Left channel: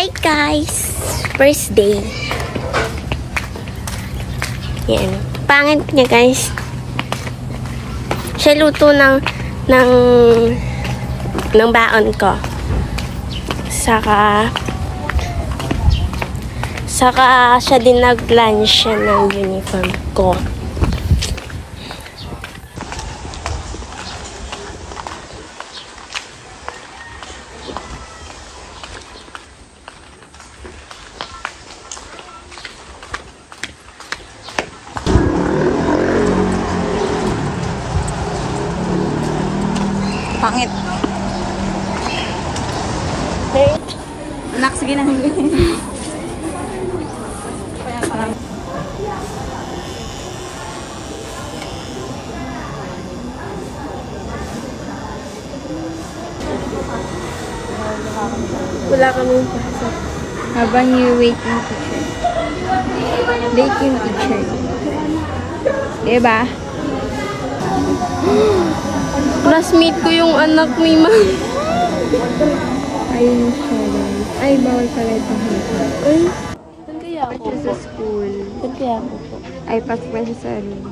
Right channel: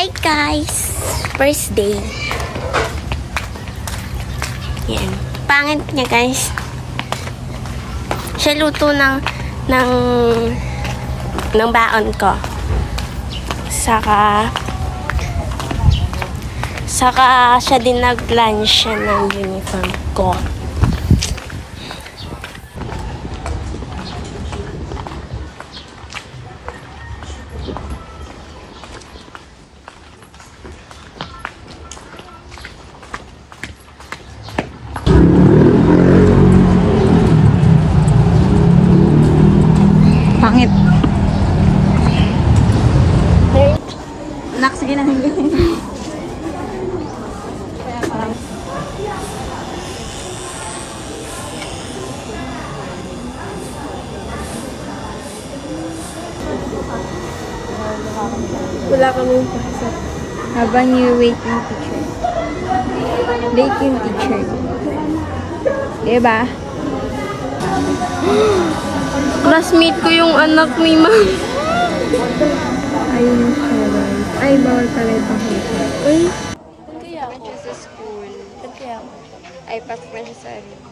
Hi guys! First day. Yan. Pangit niya guys. Siya luto ng baon ko. Saka siya din nag-lunch siya ng uniform ko. Pangit. Anak, sige na. Wala kami pasok. Habang you wait yung teacher. Wait yung teacher. Diba? Classmate ko yung anak ni ma'am. Ayun siya. Ay, bawal pala itong hita. Eh? Siya sa school. Kaya ako. Ay, pasok na siya sa room.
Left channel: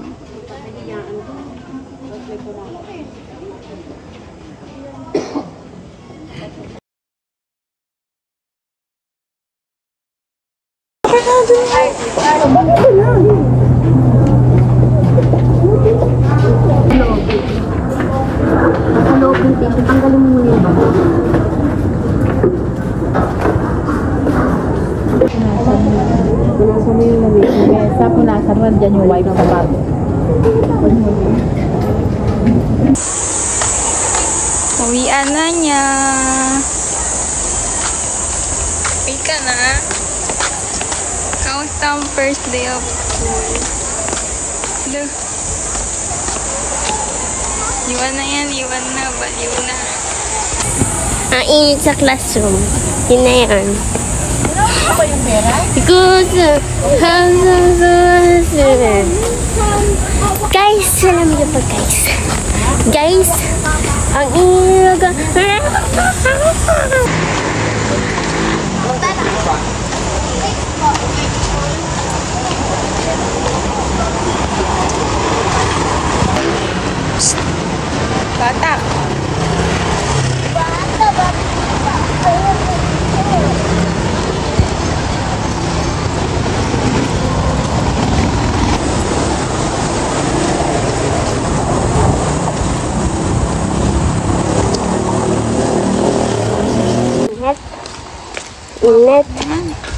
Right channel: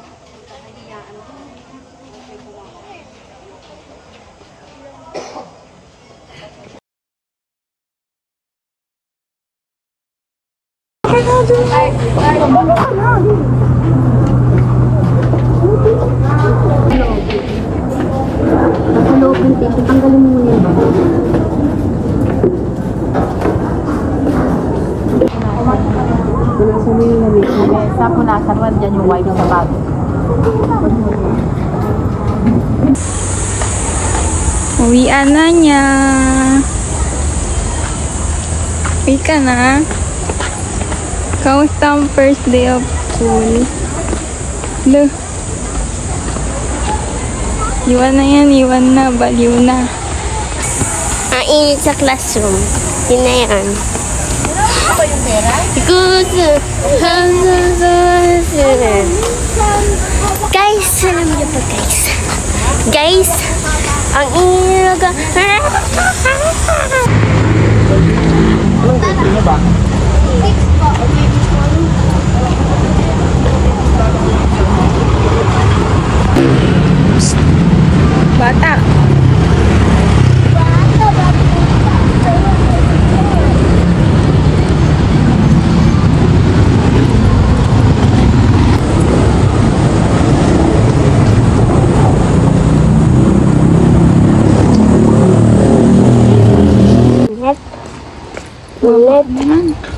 Tanggalin mo muna yun. Punasan mo yung lamig. Sa punasan mo, dyan yung wipe ng bag. Uwian na niya. Uwi ka na. Kamusta ang first day of school? Look. Iwan na yan, iwan na, baliw na. Ang init sa classroom. Yun na yan. Guys, alam niyo po guys. Guys, ang init Bata. Init.